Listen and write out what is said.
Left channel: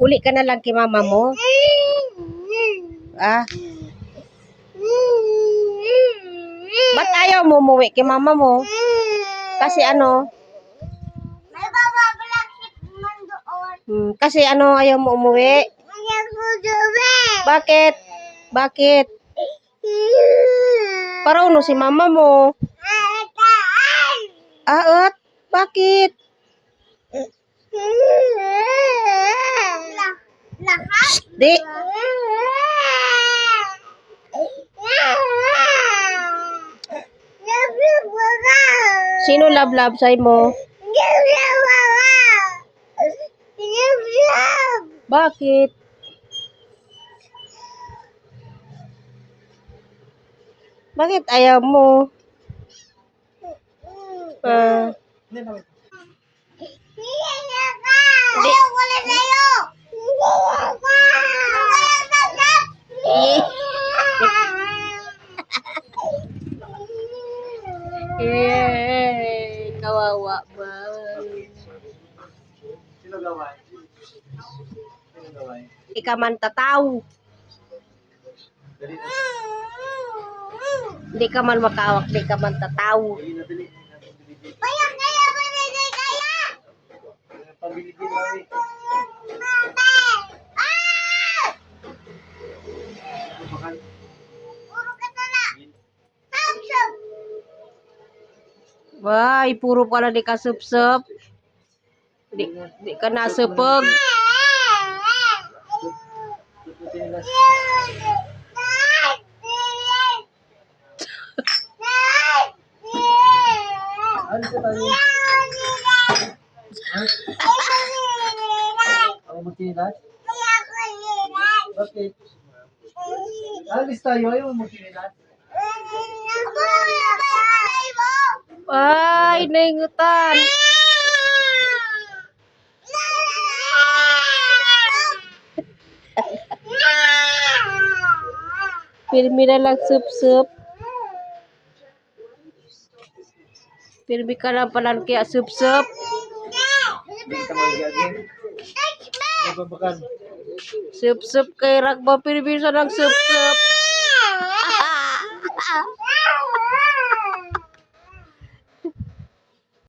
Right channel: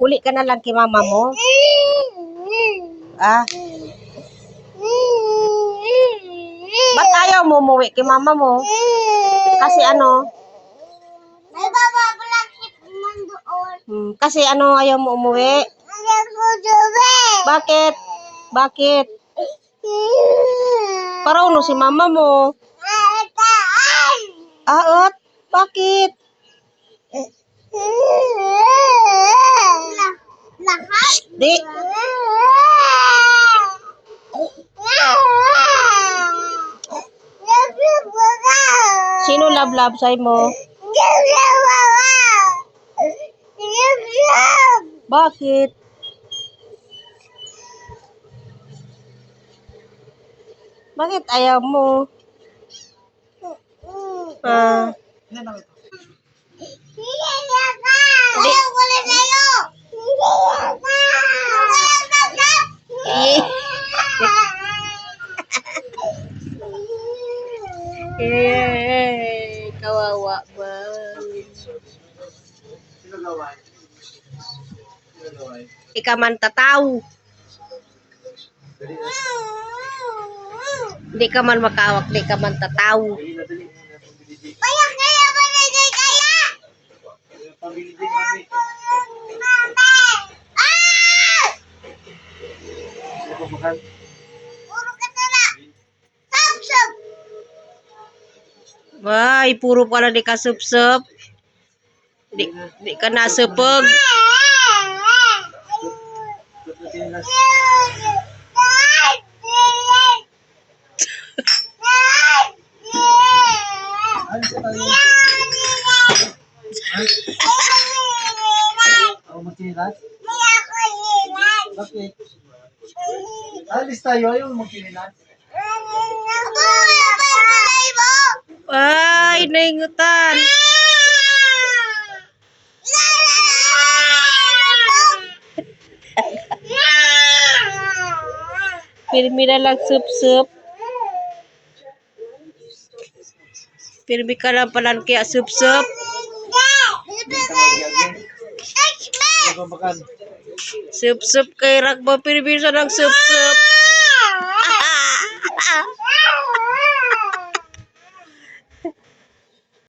Uli ka na lang kay mama mo. Ah. Ba't ayaw mo umuwi kay mama mo? Kasi ano? May bababalakit man doon. Kasi ano ayaw mo umuwi? Ayaw ko doon. Bakit? Bakit? Parauno si mama mo. Aot? Bakit? Lahat? Di. Sino love sa'y mo? Bakit? Bakit ayaw mo? Ah. Ayaw ko na sa'yo. Eh. Eh, kawawa ba? Sino gawin? Sino gawin? Ika man tataw. Di ka man makawak, di ka man tataw. Kaya ba kaya? Pabili din mami. Sino mahal? Puro ka tala. Sab-sab. Ay, puro pala di ka sup-sup. Di ka nasupog. Ano sa tayo? Ako magkinilas? Bakit? Alis tayo, ayaw magkinilas. Ay, naingutan. Pirmi na lang sup-sup. Pirmi ka lang pala kaya sup-sup. Hindi ka magyagin. Ano ba makan? Sup-sup kay Rakba. Pirmi sa lang sup-sup.